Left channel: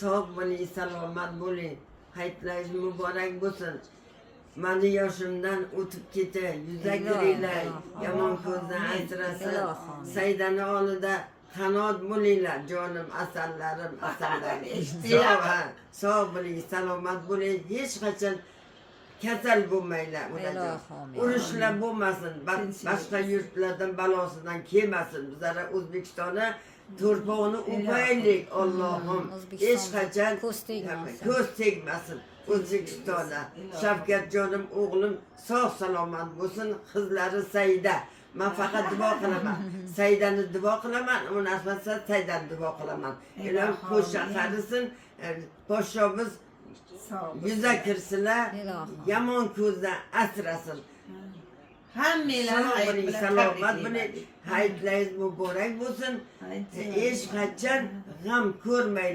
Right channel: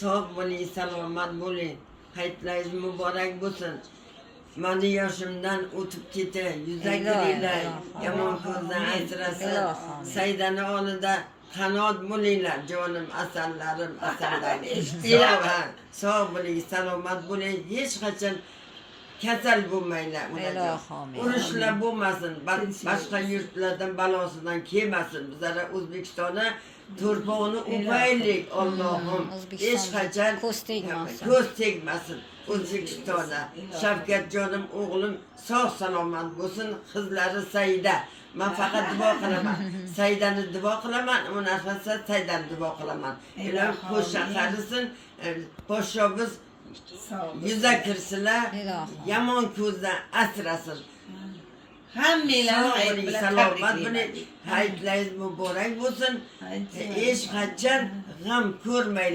sog' bo'ling, salomat bo'ling. Hayitlaringiz muborak bo'lsin. Mani yoshimdan o'tib keti, yuzakinglar yomon ko'zdan asrasin. Saydani oldida qanot bo'linglar, jonim asallarim, asallarim. Eshitdinglar? Sog' bo'ling, salomat bo'ling, hech qachon kasal bo'lmanglar. Urushlar bo'lmasin, boshqa yurtlardan balosidan kelmasin. Bizlar O'zbekistonda to'rpog'ini o'paylik, Allohim. Hech qachon ko'z tegmasin. O'zbekistonda Shavkatjonim o'g'lim sog' salomat bo'lsin, qizlari Saida. Men faqat duo qilaman. Saidani duo qilaman, unaqasi Saidani duo qilaman. Ilohim qo'sha qarisin, podshomiz yuza kirsinlar, yomon ko'zdan asrasin. Hammanglar salomat bo'ling, hayitlaringiz muborak bo'lsin. Hech qachon g'am ko'rmanglar.